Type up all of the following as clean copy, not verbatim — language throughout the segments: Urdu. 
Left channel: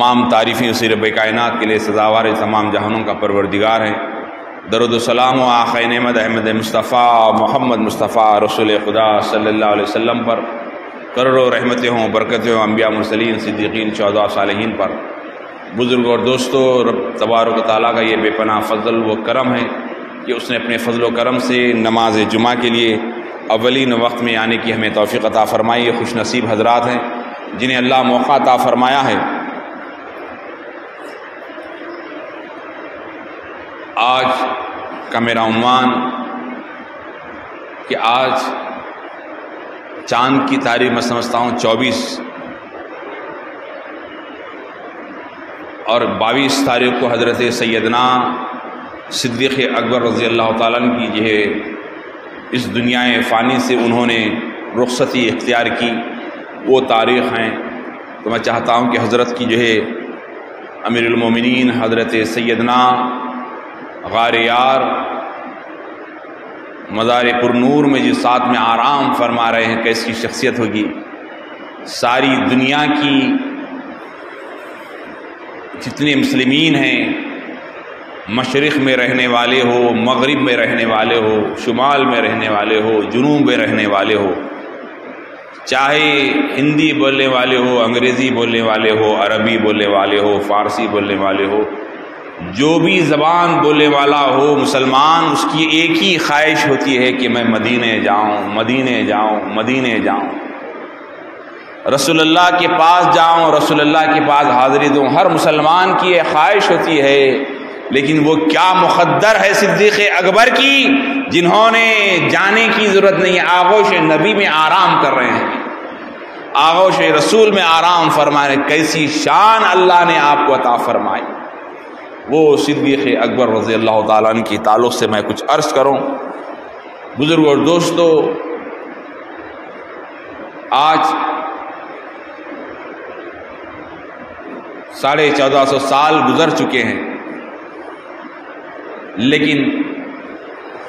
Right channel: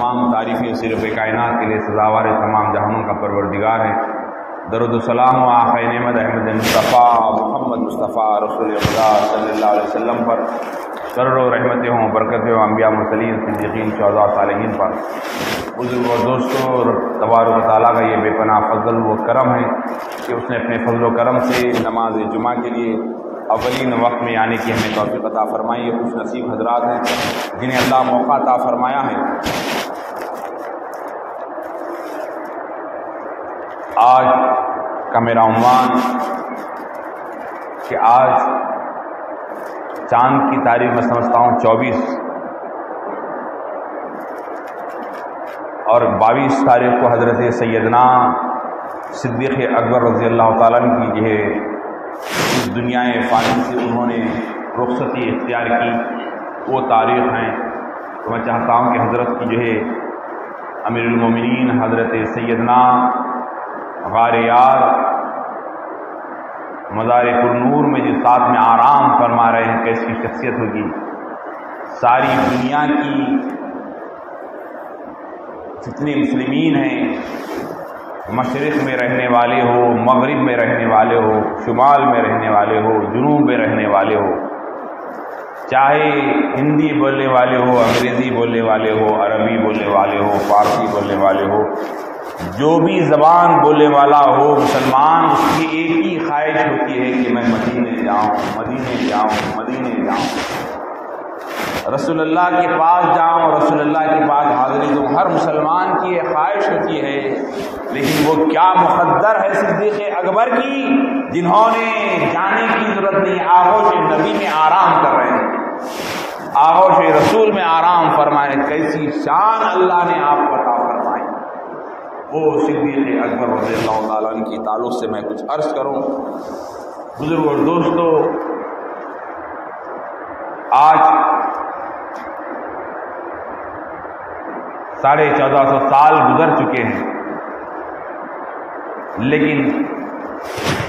تمام تعریفیں اسی رب کائنات کے لیے سزاوار تمام جہانوں کا پروردگار ہے۔ درود و سلام و آخر نعمت احمد مصطفیٰ محمد مصطفیٰ رسول خدا صلی اللہ علیہ وسلم پر کروڑوں رحمتیں ہوں، برکتیں ہوں انبیاء مرسلین صدیقین شہداء صالحین پر۔ بزرگ اور دوستو، رب تبارک و تعالیٰ کا یہ بے پناہ فضل و کرم ہے کہ اس نے اپنے فضل و کرم سے نماز جمعہ کے لیے اولین وقت میں آنے کی ہمیں توفیق عطا فرمائی۔ یہ خوش نصیب حضرات ہیں جنہیں اللہ موقع عطا فرمایا ہے۔ آج کا میرا عنوان کہ آج چاند کی تاریخ میں سمجھتا ہوں 24 اور 22 تاریخ کو حضرت سیدنا صدیق اکبر رضی اللہ تعالیٰ عنہ کی جو ہے اس دنیا فانی سے انہوں نے رخصتی اختیار کی، وہ تاریخ ہیں۔ تو میں چاہتا ہوں کہ حضرت کی جو ہے امیر المومنین حضرت سیدنا غار یار مزار پر نور میں جس ساتھ میں آرام فرما رہے ہیں، کیسی شخصیت ہوگی۔ ساری دنیا کی جتنے مسلمین ہیں، مشرق میں رہنے والے ہو، مغرب میں رہنے والے ہو، شمال میں رہنے والے ہو، جنوب میں رہنے والے ہو، چاہے ہندی بولنے والے ہو، انگریزی بولنے والے ہو، عربی بولنے والے ہو، فارسی بولنے والے ہو، جو بھی زبان بولنے والا ہو مسلمان، اس کی ایک ہی خواہش ہوتی ہے کہ میں مدینے جاؤں، مدینے جاؤں، مدینے جاؤں، رسول اللہ کے پاس جاؤں، رسول اللہ کے پاس حاضری دوں۔ ہر مسلمان کی یہ خواہش ہوتی ہے، لیکن وہ کیا مقدر ہے صدیق اکبر کی، جنہوں نے جانے کی ضرورت نہیں، آغوش نبی میں آرام کر رہے ہیں، آغوش رسول میں آرام فرما رہے ہیں۔ کیسی شان اللہ نے آپ کو عطا فرمائی۔ وہ صدیق اکبر رضی اللہ تعالیٰ عنہ کی تعلق سے میں کچھ عرض کروں۔ بزرگ اور دوستو، آج 1450 سال گزر چکے ہیں، لیکن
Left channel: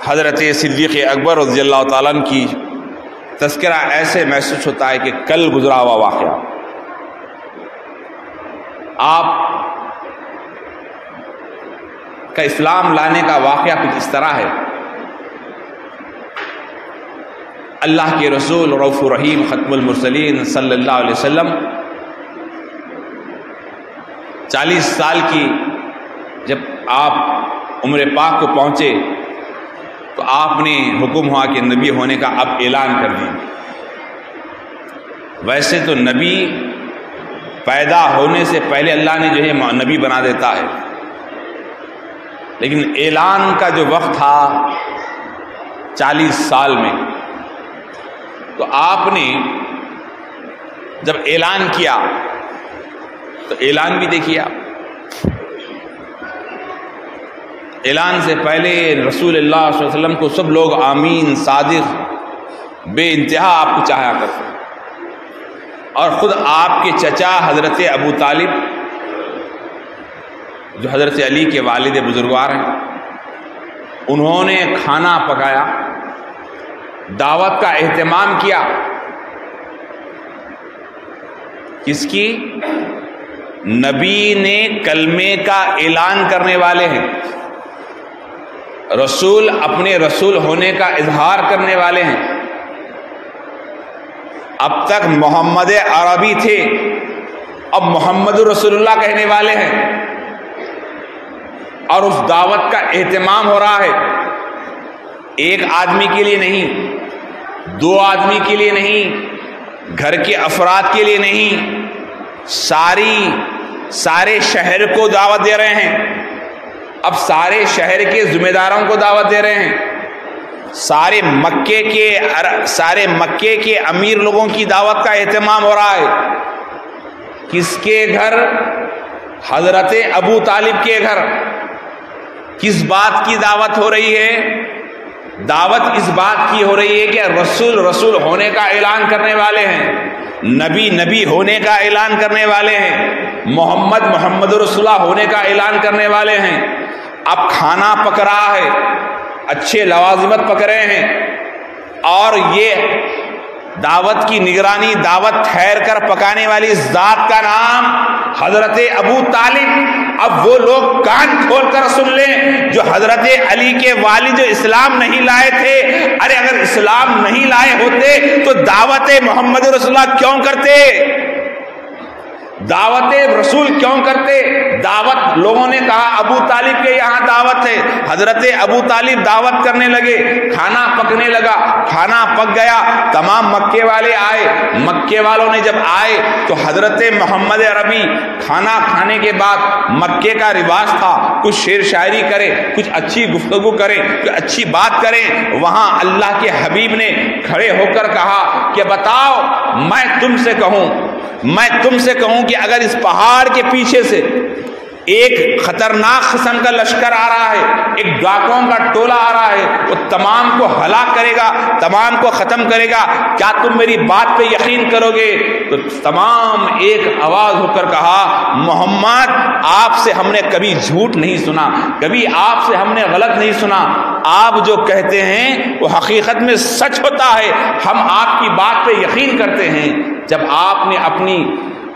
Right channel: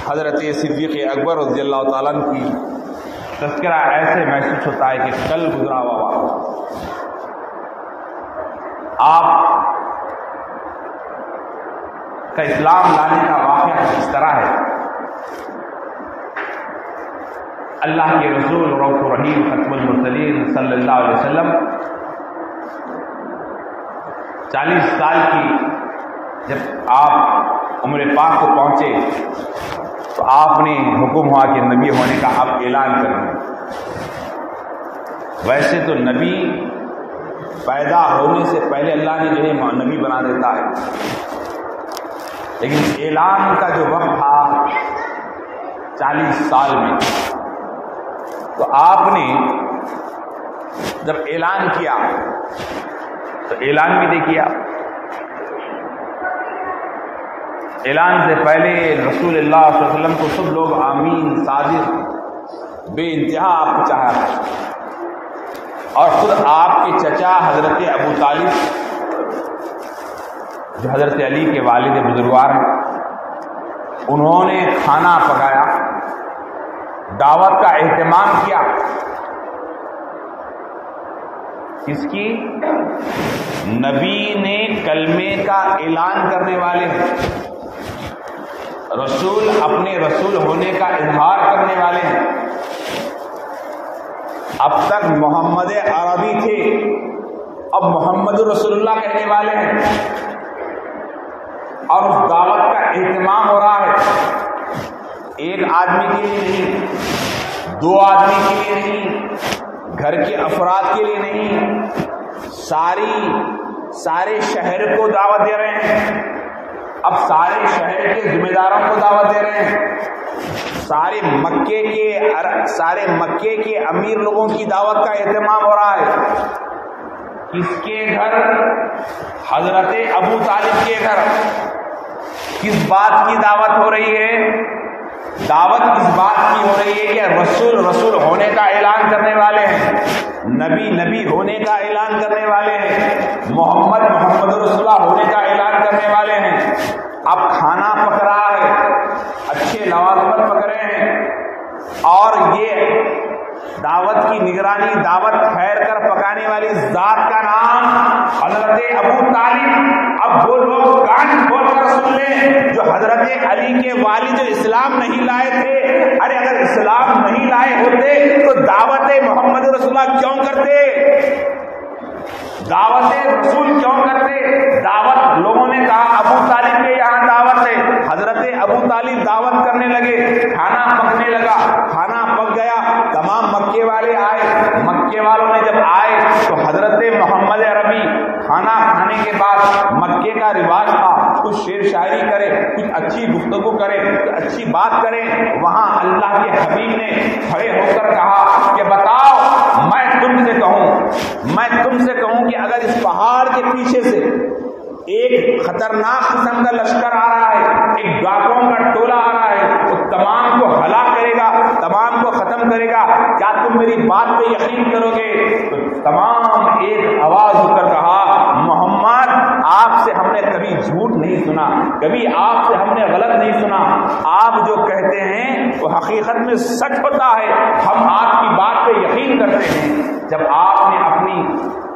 حضرت صدیق اکبر رضی اللہ تعالیٰ عنہ کی تذکرہ ایسے محسوس ہوتا ہے کہ کل گزرا ہوا واقعہ۔ آپ کا اسلام لانے کا واقعہ کچھ اس طرح ہے۔ اللہ کے رسول رؤوف الرحیم ختم المرسلین صلی اللہ علیہ وسلم 40 سال کی جب آپ عمر پاک کو پہنچے تو آپ نے حکم ہوا کہ نبی ہونے کا اب اعلان کر دیا۔ ویسے تو نبی پیدا ہونے سے پہلے اللہ نے جو ہے نبی بنا دیتا ہے، لیکن اعلان کا جو وقت تھا 40 سال میں، تو آپ نے جب اعلان کیا تو اعلان بھی دیکھیا۔ اعلان سے پہلے رسول اللہ صلی اللہ علیہ وسلم کو سب لوگ آمین صادق بے انتہا آپ کو چاہا کرتے، اور خود آپ کے چچا حضرت ابو طالب جو حضرت علی کے والد بزرگوار ہیں، انہوں نے کھانا پکایا، دعوت کا اہتمام کیا۔ کس کی؟ نبی نے کلمے کا اعلان کرنے والے ہیں، رسول اپنے رسول ہونے کا اظہار کرنے والے ہیں۔ اب تک محمد عربی تھے، اب محمد رسول اللہ کہنے والے ہیں، اور اس دعوت کا اہتمام ہو رہا ہے۔ ایک آدمی کے لیے نہیں، 2 آدمی کے لیے نہیں، گھر کے افراد کے لیے نہیں، سارے شہر کو دعوت دے رہے ہیں۔ اب سارے شہر کے ذمہ داروں کو دعوت دے رہے ہیں، سارے مکے کے امیر لوگوں کی دعوت کا اہتمام ہو رہا ہے۔ کس کے گھر؟ حضرت ابو طالب کے گھر۔ کس بات کی دعوت ہو رہی ہے؟ دعوت اس بات کی ہو رہی ہے کہ رسول ہونے کا اعلان کرنے والے ہیں، نبی ہونے کا اعلان کرنے والے ہیں، محمد رسول اللہ ہونے کا اعلان کرنے والے ہیں۔ اب کھانا پک رہا ہے، اچھے لوازمت پک رہے ہیں، اور یہ دعوت کی نگرانی، دعوت ٹھہر کر پکانے والی ذات کا نام حضرت ابو طالب۔ اب وہ لوگ کان کھول کر سن لیں جو حضرت علی کے والد جو اسلام نہیں لائے تھے، ارے اگر اسلام نہیں لائے ہوتے تو دعوت محمد رسول اللہ کیوں کرتے؟ دعوت رسول کیوں کرتے؟ دعوت لوگوں نے کہا ابو طالب کے یہاں دعوت ہے، حضرت ابو طالب دعوت کرنے لگے، کھانا پکنے لگا، کھانا پک گیا، تمام مکے والے آئے، مکے والوں نے جب آئے تو حضرت محمد عربی کھانا کھانے کے بعد مکے کا رواج تھا کچھ شعر شاعری کرے، کچھ اچھی گفتگو کرے، کچھ اچھی بات کریں۔ وہاں اللہ کے حبیب نے کھڑے ہو کر کہا کہ بتاؤ میں تم سے کہوں کہ اگر اس پہاڑ کے پیچھے سے ایک خطرناک قسم کا لشکر آ رہا ہے، ایک ڈاکوؤں کا ٹولہ آ رہا ہے، وہ تمام کو ہلاک کرے گا، تمام کو ختم کرے گا، کیا تم میری بات پہ یقین کرو گے؟ تو تمام ایک آواز ہو کر کہا محمد آپ سے ہم نے کبھی جھوٹ نہیں سنا، کبھی آپ سے ہم نے غلط نہیں سنا، آپ جو کہتے ہیں وہ حقیقت میں سچ ہوتا ہے، ہم آپ کی بات پہ یقین کرتے ہیں۔ جب آپ نے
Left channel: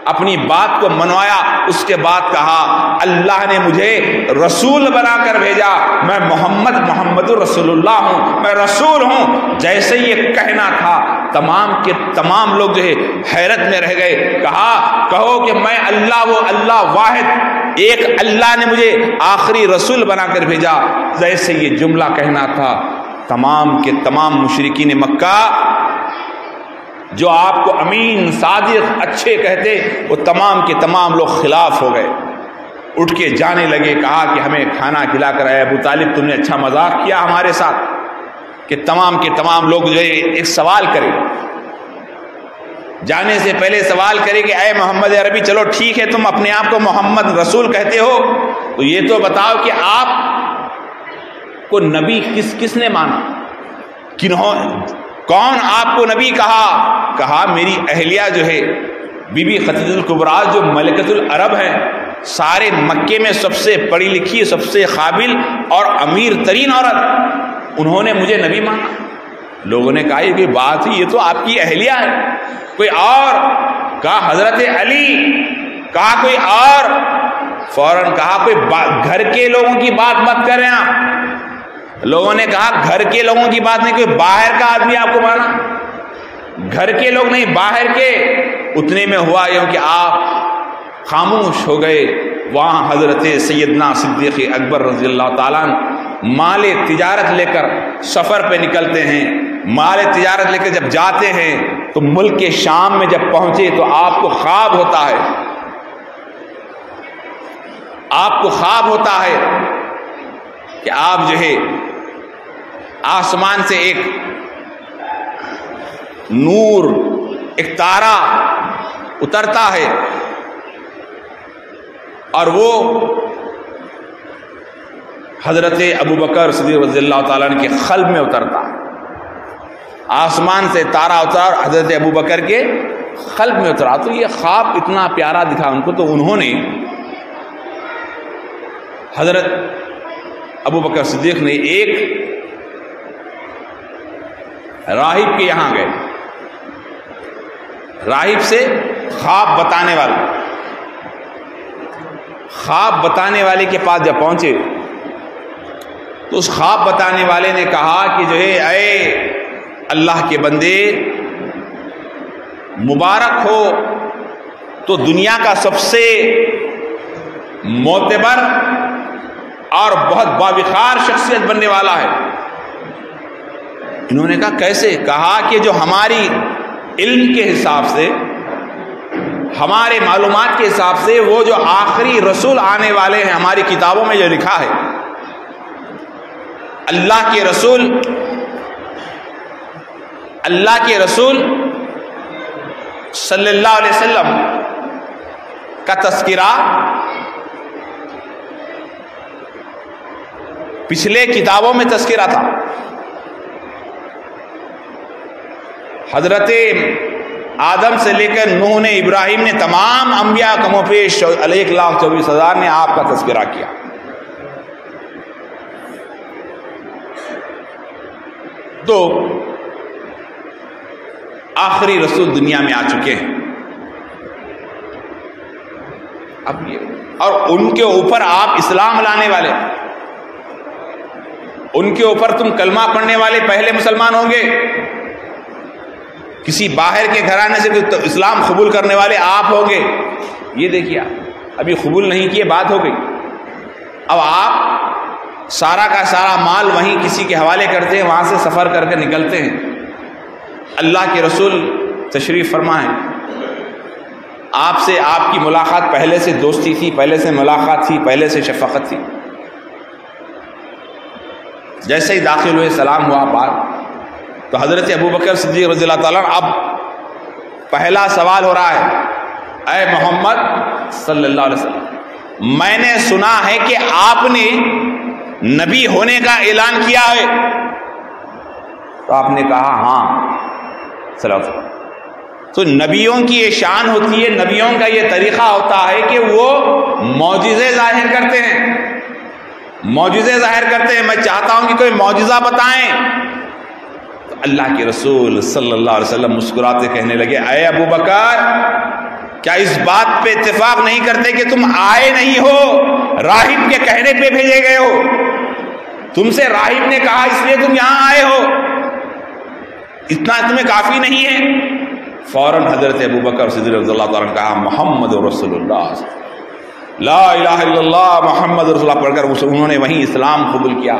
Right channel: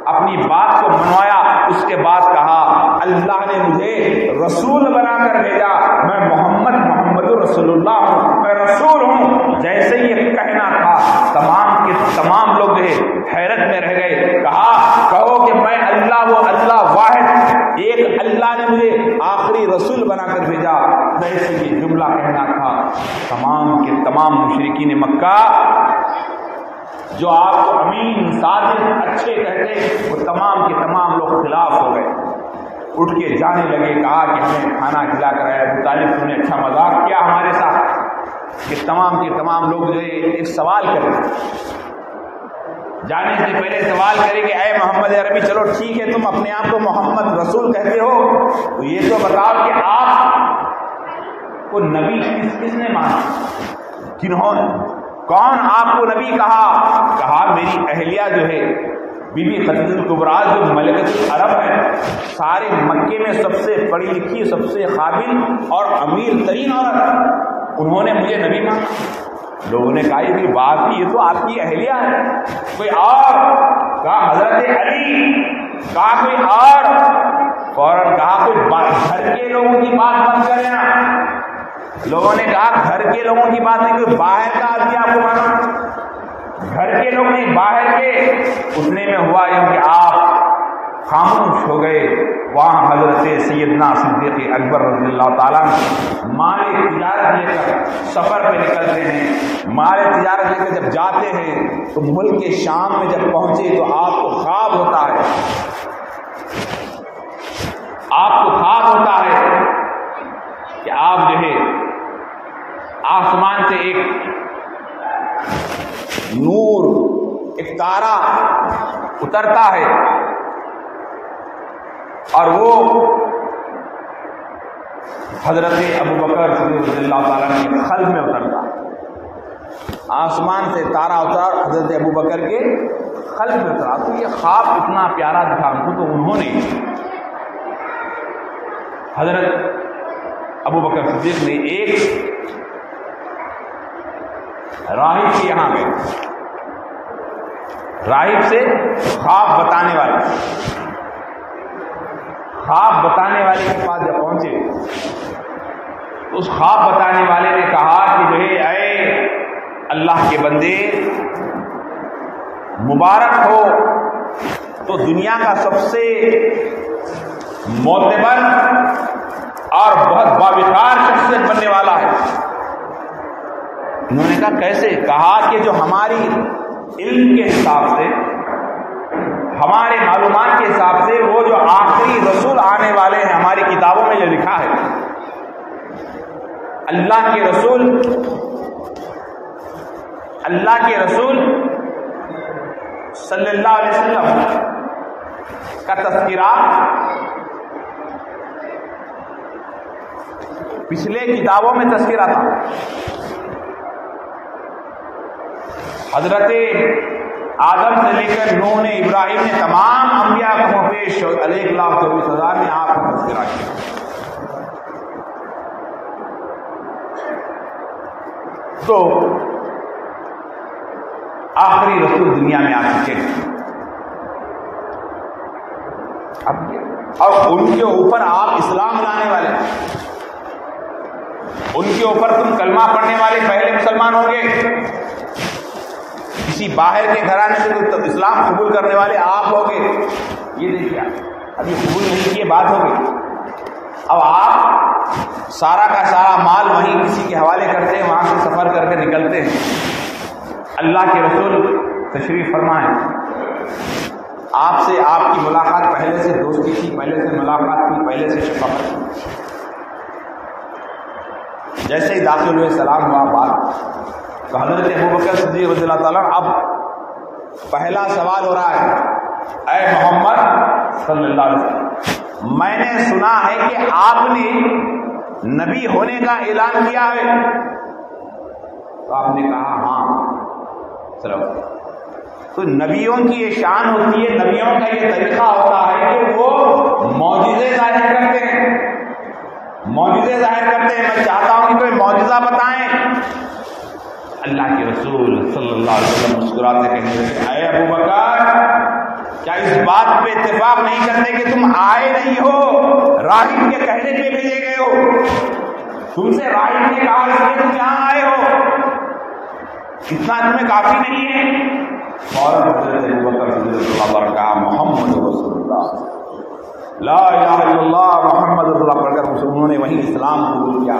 اپنی بات کو منوایا، اس کے بعد کہا اللہ نے مجھے رسول بنا کر بھیجا، میں محمد رسول اللہ ہوں، میں رسول ہوں۔ جیسے یہ کہنا تھا تمام کے تمام لوگ جو ہے حیرت میں رہ گئے، کہو کہ میں اللہ، وہ اللہ واحد ایک اللہ نے مجھے آخری رسول بنا کر بھیجا۔ جیسے یہ جملہ کہنا تھا تمام کے تمام مشرکین مکہ جو آپ کو امین، صادق، اچھے کہتے، وہ تمام کے تمام لوگ خلاف ہو گئے، اٹھ کے جانے لگے۔ کہا کہ ہمیں کھانا کھلا کر آئے ابو طالب، تم نے اچھا مذاق کیا ہمارے ساتھ، کہ تمام کے تمام لوگ جو ہے ایک سوال کرے، جانے سے پہلے سوال کرے کہ اے محمد عربی چلو ٹھیک ہے تم اپنے آپ کو محمد رسول کہتے ہو، تو یہ تو بتاؤ کہ آپ کو نبی کس نے مانا؟ کون آپ کو نبی کہا میری اہلیہ جو ہے بی بی خدیجہ الکبریٰ جو ملکۃ العرب ہے، سارے مکے میں سب سے پڑھی لکھی، سب سے قابل اور امیر ترین عورت، انہوں نے مجھے نبی مانا۔ لوگوں نے کہا یہ بات ہی، یہ تو آپ کی اہلیہ ہے، کوئی اور؟ کہا حضرت علی، کہا کوئی اور؟ فوراً کہا کوئی گھر کے لوگوں کی بات مت کریں آپ۔ لوگوں نے کہا گھر کے لوگوں کی بات نہیں، کوئی باہر کا آدمی آپ کو مانا؟ گھر کے لوگ نہیں، باہر کے۔ اتنے میں ہوا یوں کہ آپ خاموش ہو گئے۔ وہاں حضرت سیدنا صدیق اکبر رضی اللہ تعالیٰ مال تجارت لے کر سفر پہ نکلتے ہیں، مال تجارت لے کر جب جاتے ہیں تو ملک کے شام میں جب پہنچے تو آپ کو خواب ہوتا ہے، کہ آپ جو ہے آسمان سے ایک نور، ایک تارا اترتا ہے اور وہ حضرت ابوبکر صدیق رضی اللہ تعالیٰ عنہ کے قلب میں اترتا ہے۔ آسمان سے تارا اترا اور حضرت ابوبکر کے قلب میں اترا۔ تو یہ خواب اتنا پیارا دکھا ان کو، تو انہوں نے حضرت ابوبکر صدیق نے ایک راہب کے یہاں گئے، راہب سے خواب بتانے والے کے پاس جب پہنچے تو اس خواب بتانے والے نے کہا کہ جو ہے اے اللہ کے بندے، مبارک ہو، تو دنیا کا سب سے معتبر اور بہت باوقار شخصیت بننے والا ہے۔ انہوں نے کہا کیسے؟ کہا کہ جو ہماری علم کے حساب سے، ہمارے معلومات کے حساب سے، وہ جو آخری رسول آنے والے ہیں، ہماری کتابوں میں جو لکھا ہے، اللہ کے رسول صلی اللہ علیہ وسلم کا تذکرہ پچھلے کتابوں میں تذکرہ تھا۔ حضرت آدم سے لے کر نوح نے، ابراہیم نے، تمام انبیاء کم و بیش 1,24,000 نے آپ کا تذکرہ کیا۔ تو آخری رسول دنیا میں آ چکے ہیں. اب یہ اور ان کے اوپر آپ اسلام لانے والے، ان کے اوپر تم کلمہ پڑھنے والے پہلے مسلمان ہوں گے. کسی باہر کے گھرانے سے اسلام قبول کرنے والے آپ ہوں گے. یہ دیکھیے ابھی قبول نہیں کیے، بات ہو گئی. اب آپ سارا کا سارا مال وہیں کسی کے حوالے کرتے ہیں، وہاں سے سفر کر کے نکلتے ہیں. اللہ کے رسول تشریف فرما ہے، آپ سے آپ کی ملاقات پہلے سے دوستی تھی، پہلے سے ملاقات تھی، پہلے سے شفقت تھی. جیسے ہی داخل ہوئے سلام ہوا بات، تو حضرت ابوبکر صدیق رضی اللہ تعالیٰ اب پہلا سوال ہو رہا ہے، اے محمد صلی اللہ علیہ وسلم، میں نے سنا ہے کہ آپ نے نبی ہونے کا اعلان کیا ہے. تو آپ نے کہا ہاں صلی اللہ علیہ وسلم. تو نبیوں کی یہ شان ہوتی ہے، نبیوں کا یہ طریقہ ہوتا ہے کہ وہ معجزے ظاہر کرتے ہیں، معجزے ظاہر کرتے ہیں. میں چاہتا ہوں کہ کوئی معجزہ بتائیں. تو اللہ کے رسول صلی اللہ علیہ وسلم مسکراتے کہنے لگے، اے ابو بکر، کیا اس بات پہ اتفاق نہیں کرتے کہ تم آئے نہیں ہو، راہب کے کہنے پہ بھیجے گئے ہو؟ تم سے راہب نے کہا اس لیے تم یہاں آئے ہو، اتنا تمہیں کافی نہیں ہے؟ فوراً حضرت ابوبکر صدیق رضی اللہ تعالیٰ نے کہا، محمد رسول اللہ، لا الہ الا اللہ محمد رسول اللہ پڑھ کر انہوں نے وہیں اسلام قبول کیا.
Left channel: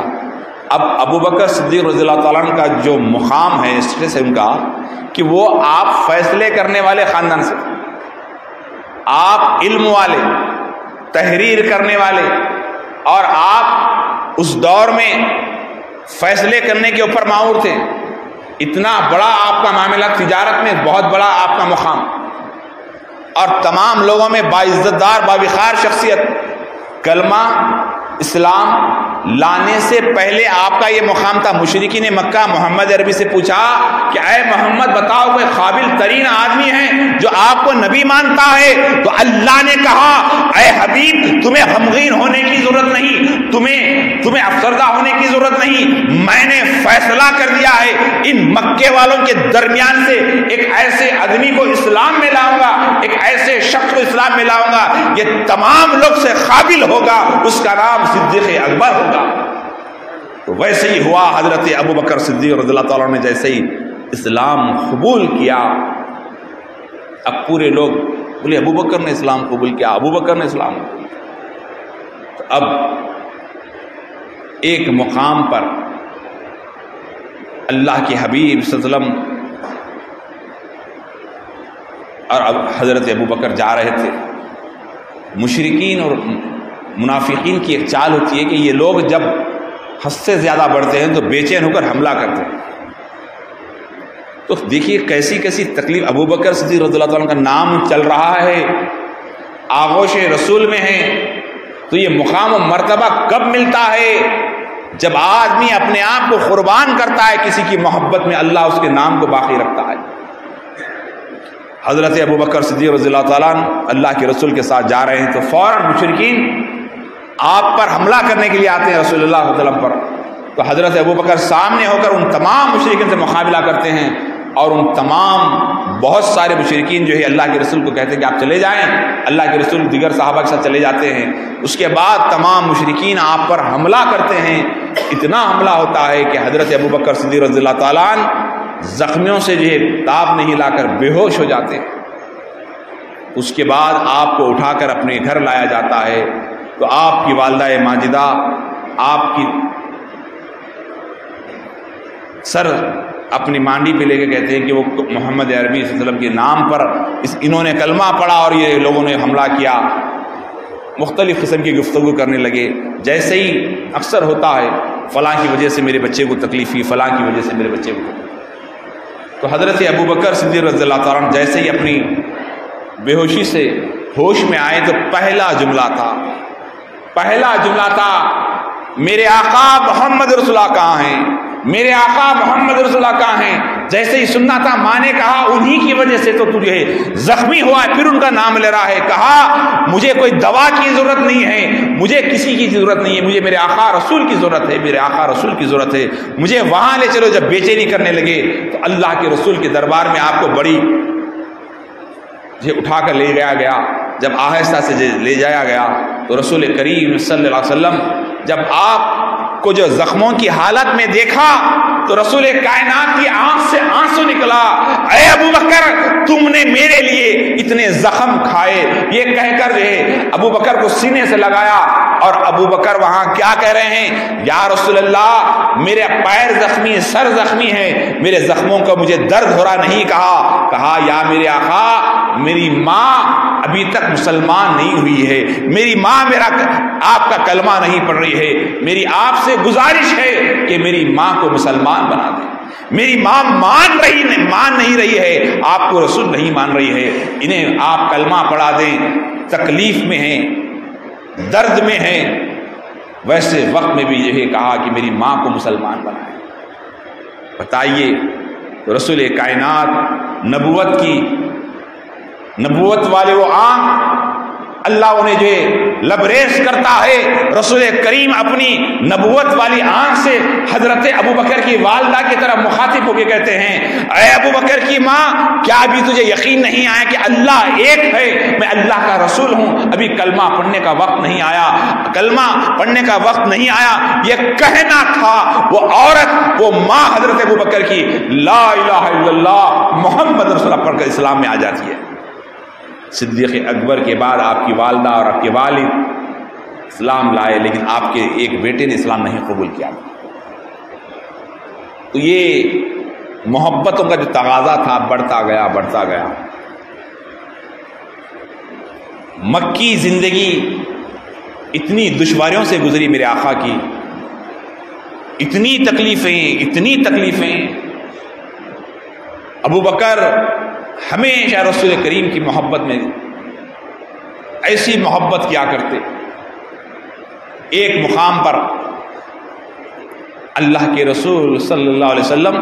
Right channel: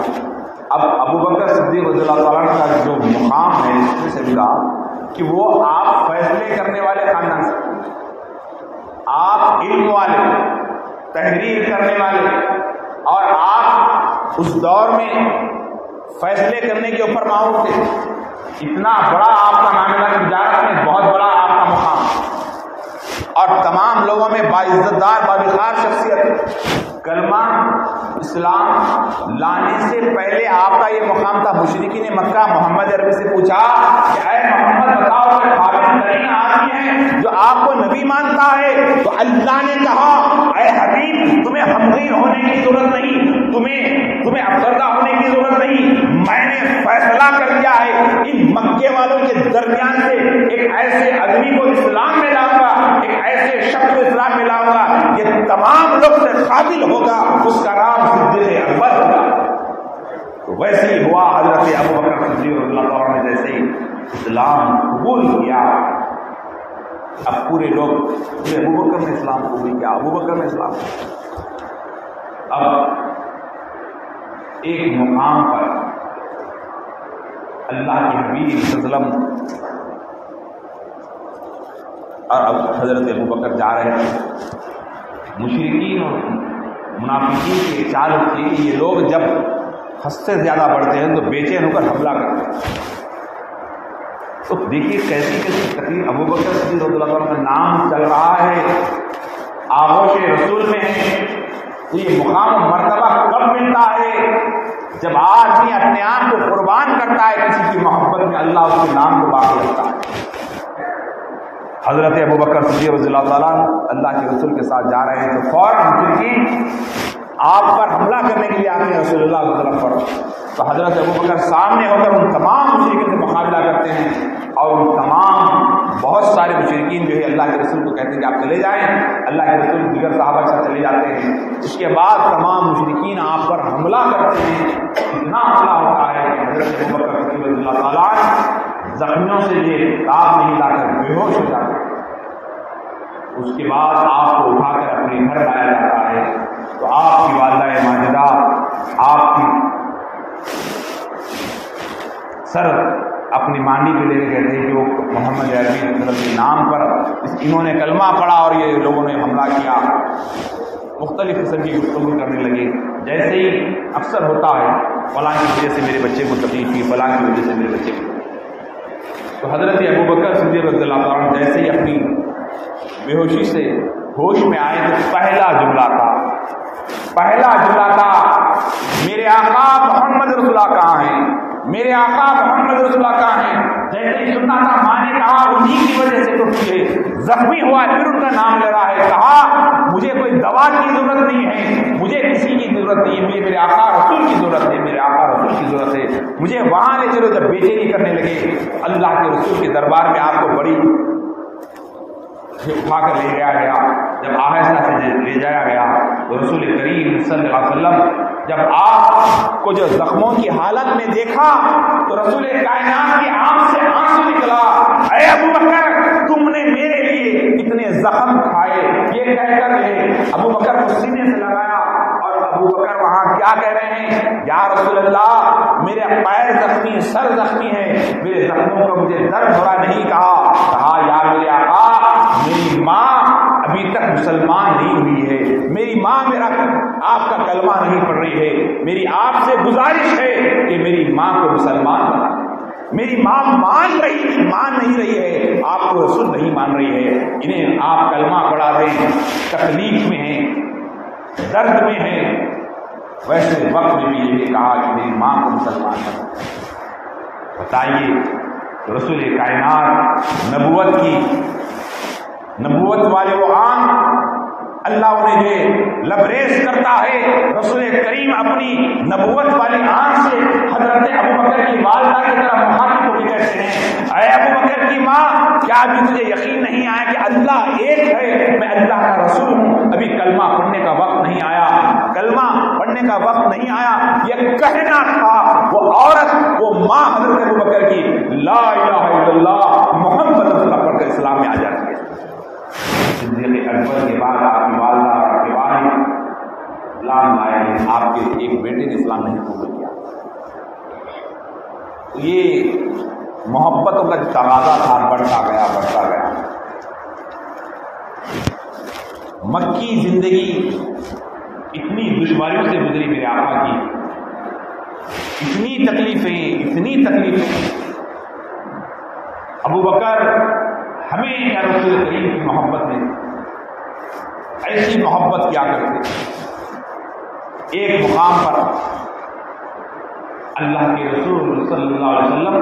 اب ابوبکر صدیق رضی اللہ تعالیٰ عنہ کا جو مقام ہے اسٹیٹس ہے ان کا، کہ وہ آپ فیصلے کرنے والے خاندان سے، آپ علم والے، تحریر کرنے والے، اور آپ اس دور میں فیصلے کرنے کے اوپر ماہر تھے. اتنا بڑا آپ کا معاملہ، تجارت میں بہت بڑا آپ کا مقام، اور تمام لوگوں میں باعزت دار باوقار شخصیت. کلمہ اسلام لانے سے پہلے آپ کا یہ مقام تھا. مشرکین مکہ محمد عربی سے پوچھا کہ اے محمد بتاؤ کوئی قابل ترین آدمی ہے جو آپ کو نبی مانتا ہے؟ تو اللہ نے کہا، اے حبیب تمہیں غمگین ہونے کی ضرورت نہیں، تمہیں افسردہ ہونے کی ضرورت نہیں. میں نے فیصلہ کر دیا ہے، ان مکے والوں کے درمیان سے ایک ایسے آدمی کو اسلام میں لاؤں گا، ایک ایسے شخص کو اسلام میں لاؤں گا، یہ تمام لوگ سے قابل ہوگا، اس کا نام صدیق اکبر ہوگا. تو ویسے ہی ہوا. حضرت ابوبکر صدیق رضی اللہ تعالیٰ نے جیسے ہی اسلام قبول کیا، اب پورے لوگ بولے ابوبکر نے اسلام قبول کیا، ابوبکر نے اسلام قبول کیا. اب ایک مقام پر اللہ کے حبیب صلی اللہ علیہ وسلم اور اب حضرت ابوبکر جا رہے تھے. مشرکین اور منافقین کی ایک چال ہوتی ہے کہ یہ لوگ جب حد سے زیادہ بڑھتے ہیں تو بے چین ہو کر حملہ کرتے ہیں. تو دیکھیے کیسی کیسی تکلیف. ابوبکر صدیق رضی اللہ عنہ کا نام چل رہا ہے، آغوش رسول میں ہے، تو یہ مقام و مرتبہ کب ملتا ہے؟ جب آدمی اپنے آپ کو قربان کرتا ہے کسی کی محبت میں، اللہ اس کے نام کو باقی رکھتا ہے. حضرت ابوبکر صدیق رضی اللہ تعالیٰ عنہ اللہ کے رسول کے ساتھ جا رہے ہیں تو فوراً مشرکین آپ پر حملہ کرنے کے لیے آتے ہیں رسول اللہ صلی اللہ علیہ وسلم پر. تو حضرت ابوبکر سامنے ہو کر ان تمام مشرکین سے مقابلہ کرتے ہیں، اور ان تمام بہت سارے مشرکین جو ہے اللہ کے رسول کو کہتے ہیں کہ آپ چلے جائیں. اللہ کے رسول دیگر صحابہ کے ساتھ چلے جاتے ہیں. اس کے بعد تمام مشرکین آپ پر حملہ کرتے ہیں. اتنا حملہ ہوتا ہے کہ حضرت ابوبکر صدیق رضی اللہ تعالیٰ عنہ زخمیوں سے جو ہے تاب نہیں لا کر بے ہوش ہو جاتے. اس کے بعد آپ کو اٹھا کر اپنے گھر لایا جاتا ہے. تو آپ کی والدہ ماجدہ آپ کی سر اپنی مانڈی پہ لے کے کہتے ہیں کہ وہ محمد عربی صلی اللہ علیہ وسلم کے نام پر انہوں نے کلمہ پڑھا اور یہ لوگوں نے حملہ کیا. مختلف قسم کی گفتگو کرنے لگے. جیسے ہی اکثر ہوتا ہے فلاں کی وجہ سے میرے بچے کو تکلیف ہوئی، فلاں کی وجہ سے میرے بچے کو. تو حضرت ابوبکر صدیق رضی اللہ تعالیٰ جیسے ہی اپنی بے ہوشی سے ہوش میں آئے تو پہلا جملہ تھا، میرے آقا محمد رسول اللہ کہاں ہیں؟ میرے آقا محمد رسول اللہ کہاں ہیں؟ جیسے ہی سننا تھا ماں نے کہا انہی کی وجہ سے تو تجھے زخمی ہوا ہے، پھر ان کا نام لے رہا ہے. کہا مجھے کوئی دوا کی ضرورت نہیں ہے، مجھے کسی کی ضرورت نہیں ہے، مجھے میرے آقا رسول کی ضرورت ہے، میرے آقا رسول کی ضرورت ہے، مجھے وہاں لے چلو. جب بے چینی کرنے لگے تو اللہ کے رسول کے دربار میں آپ کو بڑی اٹھا کر لے جایا گیا. جب آہستہ سے لے جایا گیا تو رسول کریم صلی اللہ علیہ وسلم جب آپ کو جو زخموں کی حالت میں دیکھا تو رسول کائنات کی آنکھ سے آنسو نکلا. اے ابو بکر تم نے میرے لیے اتنے زخم کھائے. یہ کہہ کر ابو بکر کو سینے سے لگایا اور ابو بکر وہاں کیا کہہ رہے ہیں؟ یا رسول اللہ میرے پیر زخمی، سر زخمی ہے، میرے زخموں کا مجھے درد ہو رہا نہیں. کہا یا میرے آقا میری ماں ابھی تک مسلمان نہیں ہوئی ہے، میری ماں آپ کا کلمہ نہیں پڑھ رہی ہے، میری آپ سے گزارش ہے کہ میری ماں کو مسلمان بنا دیں. میری ماں مان نہیں رہی ہے، آپ کو رسول نہیں مان رہی ہے، انہیں آپ کلمہ پڑھا دیں. تکلیف میں ہیں، درد میں ہیں، ویسے وقت میں بھی یہی کہا کہ میری ماں کو مسلمان بنا دیں. بتائیے رسول کائنات نبوت والے وہ آنکھ اللہ انہیں جو لبریز کرتا ہے. رسول کریم اپنی نبوت والی آنکھ سے حضرت ابو بکر کی والدہ کی طرف مخاطب ہو کے کہتے ہیں اے ابو بکر کی ماں کیا ابھی تجھے یقین نہیں آیا کہ اللہ ایک ہے، میں اللہ کا رسول ہوں، ابھی کلمہ پڑھنے کا وقت نہیں آیا، کلمہ پڑھنے کا وقت نہیں آیا. یہ کہنا تھا وہ عورت، وہ ماں حضرت ابو بکر کی لا الہ الا اللہ محمد رسول اللہ پڑھ کر اسلام میں آ جاتی ہے. صدیق اکبر کے بعد آپ کی والدہ اور آپ کے والد اسلام لائے، لیکن آپ کے ایک بیٹے نے اسلام نہیں قبول کیا. تو یہ محبتوں کا جو تقاضا تھا بڑھتا گیا. مکی زندگی اتنی دشواریوں سے گزری میرے آقا کی، اتنی تکلیفیں. ابو بکر ہمیشہ رسول کریم کی محبت میں ایسی محبت کیا کرتے. ایک مقام پر اللہ کے رسول صلی اللہ علیہ وسلم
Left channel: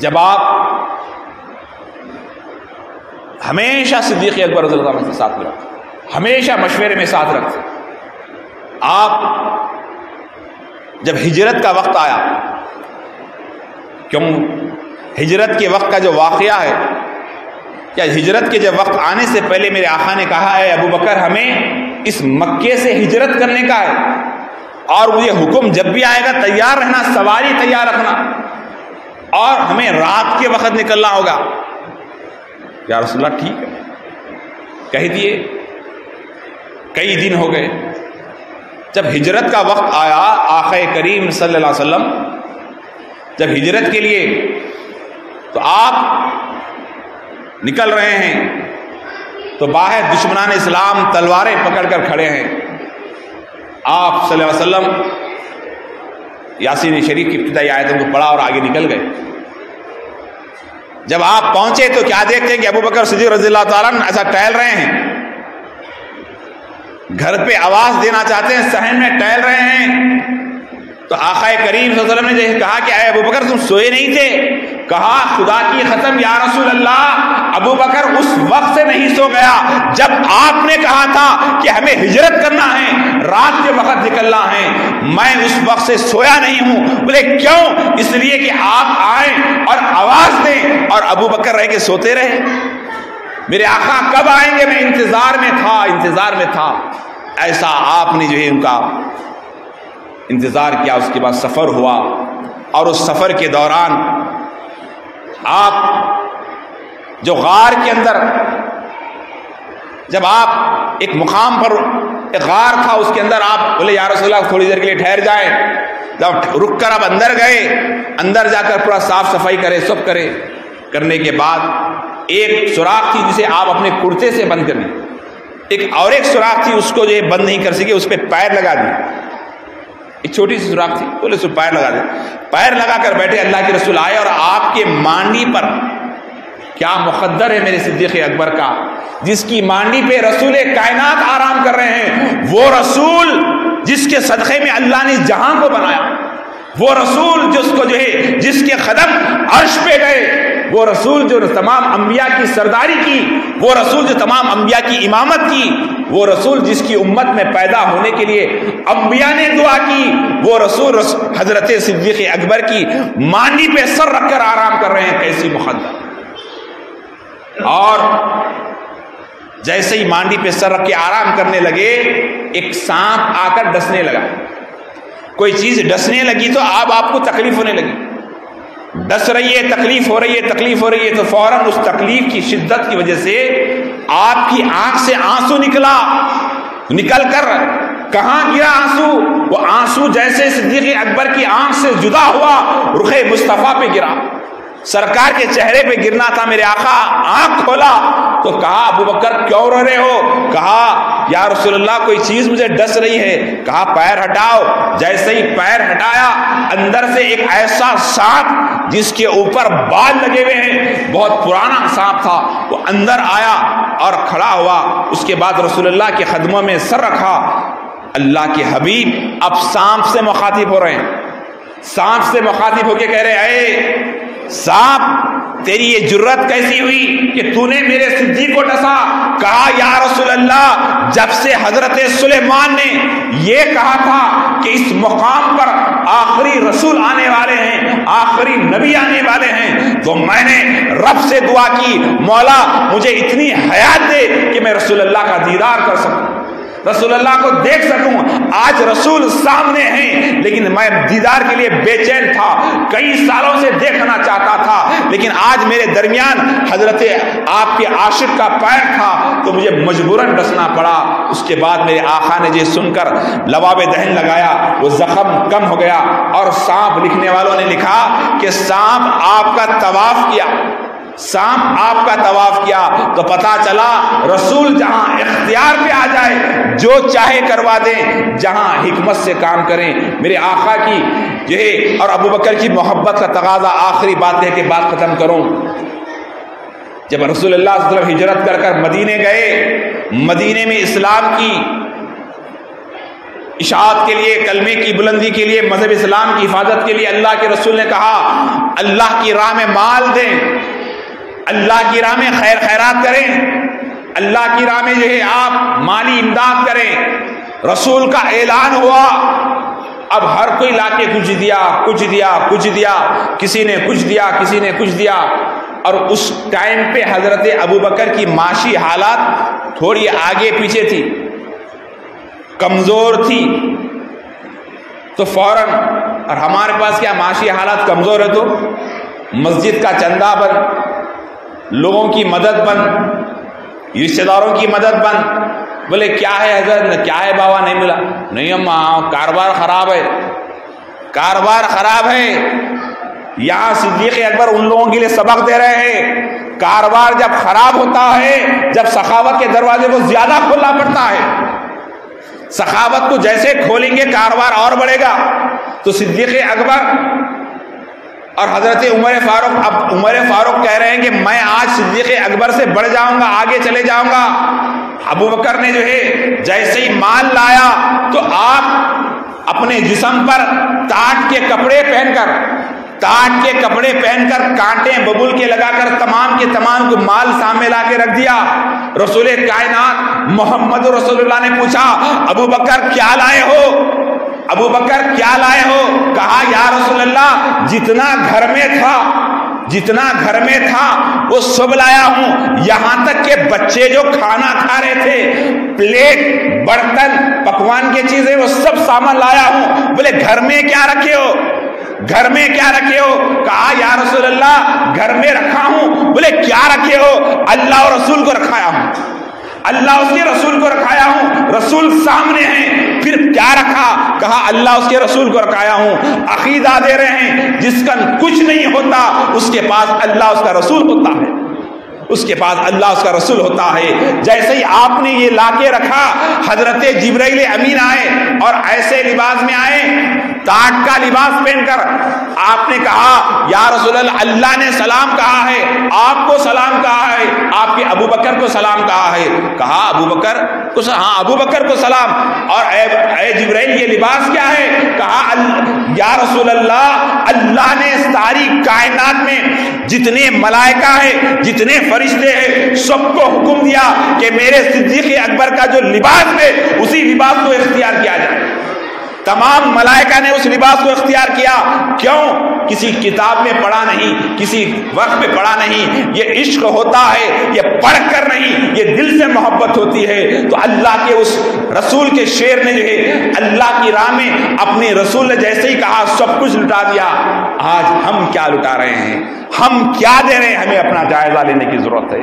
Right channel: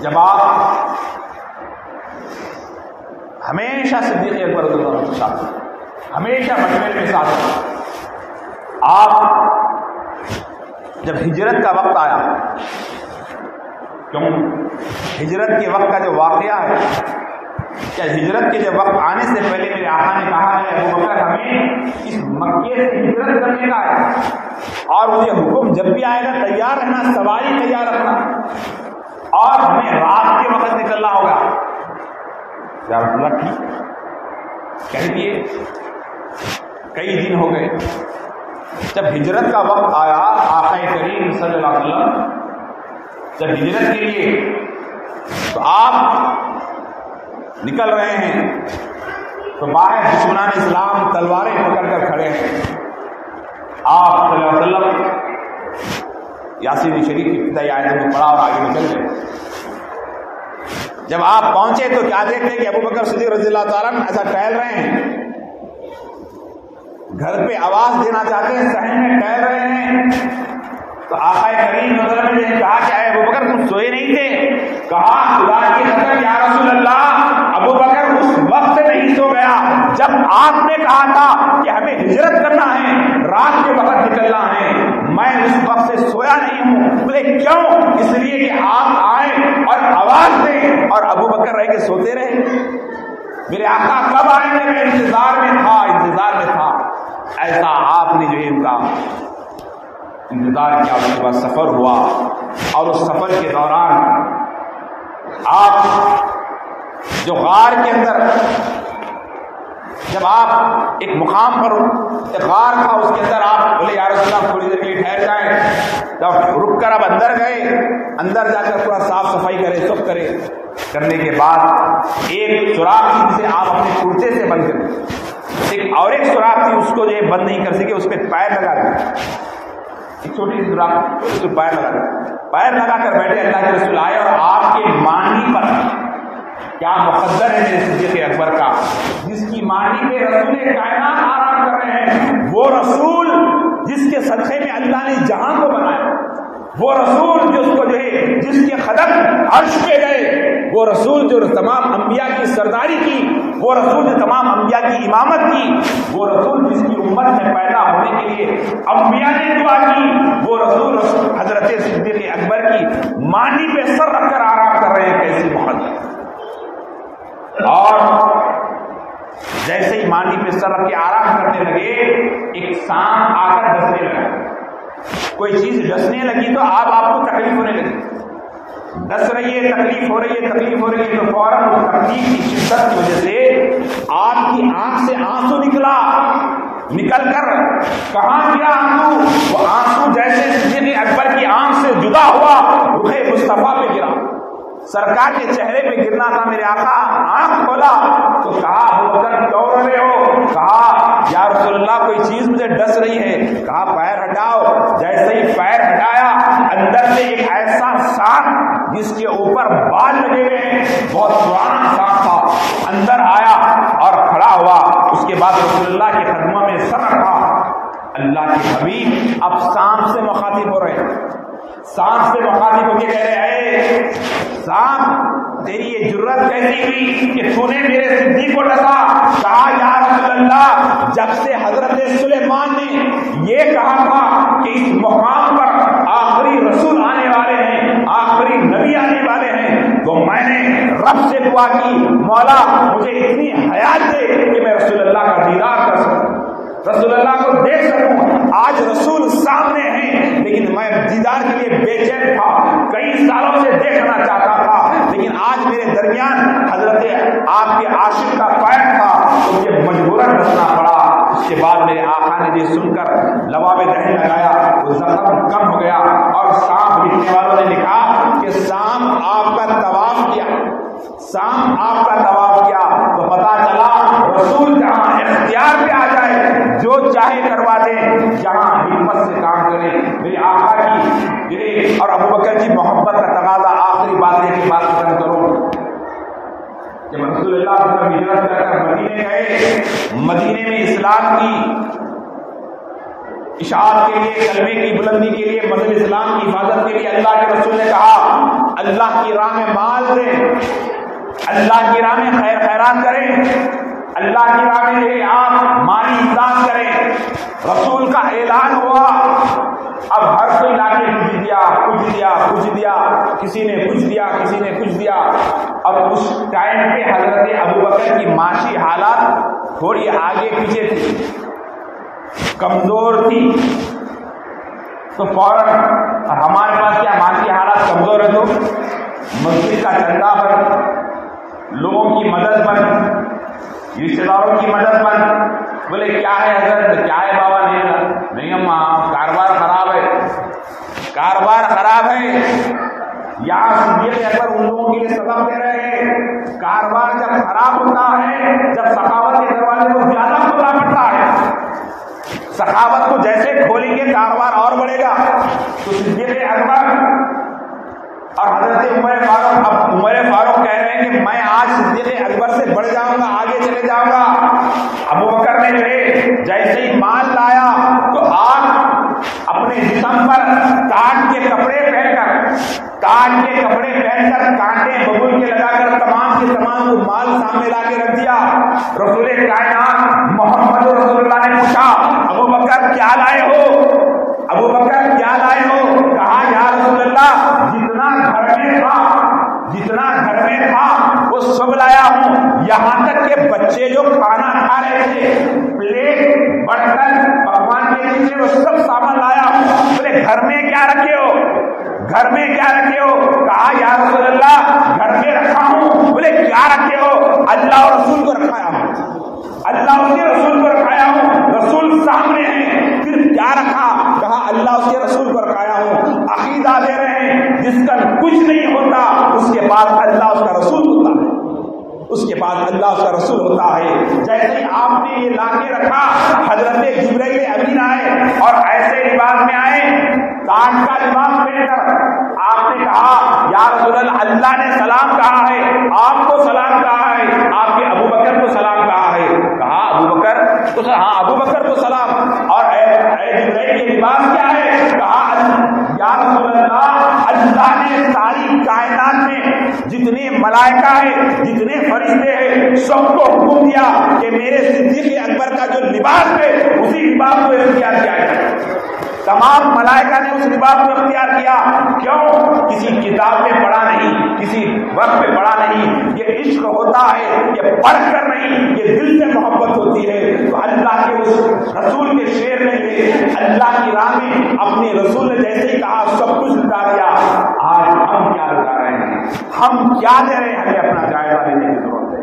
جب آپ ہمیشہ صدیق اکبر رضی اللہ عنہ کے ساتھ رکھتے، ہمیشہ مشورے میں ساتھ رکھتے. آپ جب ہجرت کا وقت آیا، کیوں ہجرت کے وقت کا جو واقعہ ہے، کیا ہجرت کے جب وقت آنے سے پہلے میرے آقا نے کہا ہے ابو بکر ہمیں اس مکے سے ہجرت کرنے کا ہے اور وہ یہ حکم جب بھی آئے گا تیار رہنا، سواری تیار رکھنا اور ہمیں رات کے وقت نکلنا ہوگا. یا رسول اللہ ٹھیک ہے کہہ دیے. کئی دن ہو گئے. جب ہجرت کا وقت آیا آقا کریم صلی اللہ علیہ وسلم جب ہجرت کے لیے تو آپ نکل رہے ہیں تو باہر دشمنان اسلام تلواریں پکڑ کر کھڑے ہیں. آپ صلی اللہ علیہ وسلم یاسین شریف کی ابتدائی آیتوں کو پڑھا اور آگے نکل گئے. جب آپ پہنچے تو کیا دیکھتے ہیں کہ ابو بکر صدیق رضی اللہ تعالیٰ عنہ ایسا ٹہل رہے ہیں، گھر پہ آواز دینا چاہتے ہیں، صحن میں ٹہل رہے ہیں. تو آقا کریم صلی اللہ علیہ وسلم نے کہا کہ اے ابو بکر تم سوئے نہیں تھے؟ کہا خدا کی قسم یا رسول اللہ ابو بکر اس وقت سے نہیں سو گیا جب آپ نے کہا تھا کہ ہمیں ہجرت کرنا ہے، رات کے وقت نکلنا ہے، میں اس وقت سے سویا نہیں ہوں. بولے کیوں؟ اس لیے کہ آپ آئیں اور آواز دیں اور ابو بکر رہ کے سوتے رہے. میرے آقا کب آئیں گے؟ میں انتظار میں تھا. ایسا آپ نے جو ہے ان کا انتظار کیا. اس کے بعد سفر ہوا اور اس سفر کے دوران آپ جو غار کے اندر جب آپ ایک مقام پر ایک غار تھا اس کے اندر آپ بولے یا رسول اللہ تھوڑی دیر کے لیے ٹھہر جائیں. جب رک کر آپ اندر گئے، اندر جا کر پورا صاف صفائی کرے، سب کرنے کے بعد ایک سوراخ تھی جسے آپ اپنے کرتے سے بند کر دیں، ایک سوراخ تھی اس کو جو بند نہیں کر سکے، اس پہ پیر لگا دیں. ایک چھوٹی سی سوراخ تھی، بولے اس پہ پیر لگا دیں. پیر لگا کر بیٹھے. اللہ کے رسول آئے اور آپ کے مانڈی پر، کیا مقدر ہے میرے صدیق اکبر کا، جس کی مانڈی پہ رسول کائنات آرام کر رہے ہیں، وہ رسول جس کے صدقے میں اللہ نے جہاں کو بنایا، وہ رسول جس کو جو ہے جس کے قدم عرش پہ گئے، وہ رسول جو تمام انبیاء کی سرداری کی، وہ رسول جو تمام انبیاء کی امامت کی، وہ رسول جس کی امت میں پیدا ہونے کے لیے انبیاء نے دعا کی، وہ رسول حضرت صدیق اکبر کی مانڈی پہ سر رکھ کر آرام کر رہے ہیں، کیسی مقدس۔ اور جیسے ہی مانڈی پہ سر رکھ کے آرام کرنے لگے، ایک سانپ آ کر ڈسنے لگا۔ کوئی چیز ڈسنے لگی تو آپ کو تکلیف ہونے لگی، ڈس رہی ہے، تکلیف ہو رہی ہے، تکلیف ہو رہی ہے، تو فوراً اس تکلیف کی شدت کی وجہ سے آپ کی آنکھ سے آنسو نکل کر کہاں گرا آنسو؟ وہ آنسو جیسے صدیق اکبر کی آنکھ سے جدا ہوا، رخ مصطفیٰ پہ گرا، سرکار کے چہرے پہ گرنا تھا۔ میرے آقا آنکھ کھولا تو کہا ابو بکر کیوں رو رہے ہو؟ کہا یا رسول اللہ کوئی چیز مجھے ڈس رہی ہے۔ کہا پیر ہٹاؤ۔ جیسے ہی پیر ہٹایا، اندر سے ایک ایسا سانپ جس کے اوپر بال لگے ہوئے ہیں، بہت پرانا سانپ تھا، تو اندر آیا اور کھڑا ہوا۔ اس کے بعد رسول اللہ کے قدموں میں سر رکھا۔ اللہ کے حبیب اب سانپ سے مخاطب ہو رہے ہیں، سانپ سے مخاطب ہو کے کہہ رہے اے سانپ، تیری یہ جرت کیسی ہوئی کہ تو نے میرے صدیق کو ڈسا؟ کہا یا رسول اللہ، جب سے حضرت سلیمان نے یہ کہا تھا کہ اس مقام پر آخری رسول آنے والے ہیں، آخری نبی آنے والے ہیں، تو میں نے رب سے دعا کی مولا مجھے اتنی حیات دے کہ میں رسول اللہ کا دیدار کر سکوں، رسول اللہ کو دیکھ سکوں۔ آج رسول سامنے ہیں لیکن میں دیدار کے لیے بے چین تھا، کئی سالوں سے دیکھنا چاہتا تھا، لیکن آج میرے درمیان حضرت آپ کے عاشق کا پیر تھا تو مجھے مجبوراً ڈسنا پڑا۔ اس کے بعد میرے آقا نے یہ سن کر لباب دہن لگایا، وہ زخم کم ہو گیا، اور سانپ لکھنے والوں نے لکھا کہ سانپ آپ کا طواف کیا، سانپ آپ کا طواف کیا تو پتا چلا رسول جہاں اختیار پہ آ جائے جو چاہے کروا دیں، جہاں حکمت سے کام کریں۔ میرے آقا کی یہ اور ابو بکر کی محبت کا تقاضا، آخری بات ہے کہ بات ختم کروں، جب رسول اللہ صلی اللہ علیہ وسلم ہجرت کر کر مدینے گئے، مدینے میں اسلام کی اشاعت کے لیے، کلمے کی بلندی کے لیے، مذہب اسلام کی حفاظت کے لیے اللہ کے رسول نے کہا اللہ کی راہ میں مال دیں، اللہ کی راہ میں خیر خیرات کریں، اللہ کی راہ میں جو ہے آپ مالی امداد کریں۔ رسول کا اعلان ہوا، اب ہر کوئی لا کے کچھ دیا، کسی نے کچھ دیا، کسی نے کچھ دیا۔ اور اس ٹائم پہ حضرت ابو بکر کی معاشی حالات تھوڑی آگے پیچھے تھی، کمزور تھی، تو فوراً، اور ہمارے پاس کیا معاشی حالات کمزور ہے تو مسجد کا چندہ بن، لوگوں کی مدد بن، رشتہ داروں کی مدد بن۔ بولے کیا ہے حضرت، کیا ہے بابا، نہیں ملا؟ نہیں اماں کاروبار خراب ہے، کاروبار خراب ہے۔ یہاں صدیق اکبر ان لوگوں کے لیے سبق دے رہے ہیں، کاروبار جب خراب ہوتا ہے، جب سخاوت کے دروازے کو زیادہ کھولنا پڑتا ہے، سخاوت کو جیسے کھولیں گے کاروبار اور بڑھے گا۔ تو صدیق اکبر اور حضرت عمر فاروق، اب عمر فاروق کہہ رہے ہیں کہ میں آج صدیق اکبر سے بڑھ جاؤں گا، آگے چلے جاؤں گا۔ ابو بکر نے جو ہے جیسے ہی مال لایا تو آپ اپنے جسم پر ٹاٹ کے کپڑے پہن کر کانٹے ببول کے لگا کر تمام کے تمام کو مال سامنے لا کے رکھ دیا۔ رسول کائنات محمد رسول اللہ نے پوچھا ابو بکر کیا لائے ہو؟ ابو بکر کیا لائے ہو؟ کہا یا رسول اللہ جتنا گھر میں تھا وہ سب لایا ہوں، یہاں تک کہ بچے جو کھانا کھا رہے تھے، پلیٹ، برتن، پکوان کی چیزیں، وہ سب سامان لایا ہوں۔ بولے گھر میں کیا رکھے ہو؟ کہا یا رسول اللہ گھر میں رکھا ہوں۔ بولے کیا رکھے ہو؟ اللہ اور رسول کو رکھایا ہوں، اللہ اس کے رسول کو رکھایا ہوں۔ رسول سامنے ہیں، پھر کیا رکھا؟ کہا اللہ اس کے رسول کو رکھایا ہوں۔ عقیدہ دے رہے ہیں جس کا کچھ نہیں ہوتا اس کے پاس اللہ اس کا رسول ہوتا ہے، اس کے پاس اللہ اس کا رسول ہوتا ہے۔ جیسے ہی آپ نے یہ لا کے رکھا، حضرت جبرائیل امین آئے اور ایسے لباس میں آئے تاج کا لباس پہن کر آپ نے کہا یا رسول اللہ اللہ نے سلام کہا ہے، آپ کو سلام کہا ہے، آپ کے ابو بکر کو سلام کہا ہے، کہا ابو بکر کو، ہاں ابو بکر کو سلام، اور اے جبرائیل یہ لباس کیا ہے؟ کہا یا رسول اللہ اللہ نے ساری کائنات میں جتنے ملائکہ ہیں، جتنے فرشتے ہیں، سب کو حکم دیا کہ میرے صدیق اکبر کا جو لباس ہے اسی لباس کو اختیار کیا جائے۔ تمام ملائکہ نے اس لباس کو اختیار کیا، کیوں؟ کسی کتاب میں پڑھا نہیں، کسی وقت میں پڑھا نہیں، یہ عشق ہوتا ہے، یہ پڑھ کر نہیں، یہ دل سے محبت ہوتی ہے۔ تو اللہ کے اس رسول کے شعر نے جو ہے اللہ کی راہ میں اپنے رسول نے جیسے ہی کہا سب کچھ لٹا دیا۔ آج ہم کیا لٹا رہے ہیں؟ ہم کیا دے رہے ہیں؟ ہمیں اپنا جائزہ لینے کی ضرورت ہے۔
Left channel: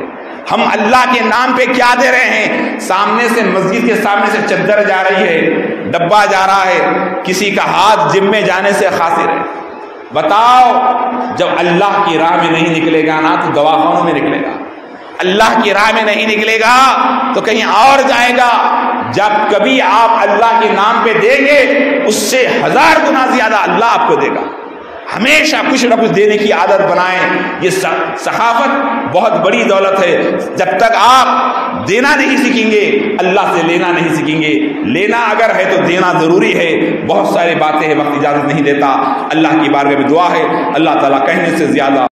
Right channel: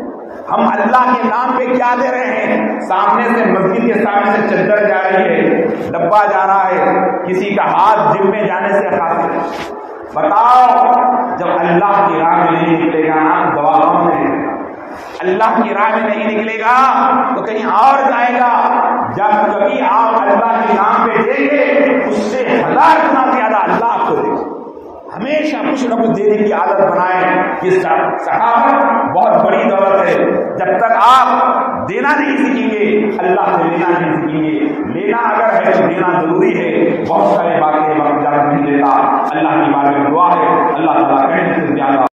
ہم اللہ کے نام پہ کیا دے رہے ہیں؟ سامنے سے مسجد کے سامنے سے چادر جا رہی ہے، ڈبہ جا رہا ہے، کسی کا ہاتھ جم میں جانے سے خاطر ہے۔ بتاؤ جب اللہ کی راہ میں نہیں نکلے گا نا تو دواخانوں میں نکلے گا، اللہ کی راہ میں نہیں نکلے گا تو کہیں اور جائے گا۔ جب کبھی آپ اللہ کے نام پہ دیں گے اس سے 1000 گنا زیادہ اللہ آپ کو دے گا۔ ہمیشہ کچھ نہ کچھ دینے کی عادت بنائیں۔ یہ صحافت بہت بڑی دولت ہے۔ جب تک آپ دینا نہیں سیکھیں گے اللہ سے لینا نہیں سیکھیں گے۔ لینا اگر ہے تو دینا ضروری ہے۔ بہت سارے باتیں ہیں، وقت اجازت نہیں دیتا۔ اللہ کی بارگاہ میں دعا ہے اللہ تعالیٰ کہنے سے زیادہ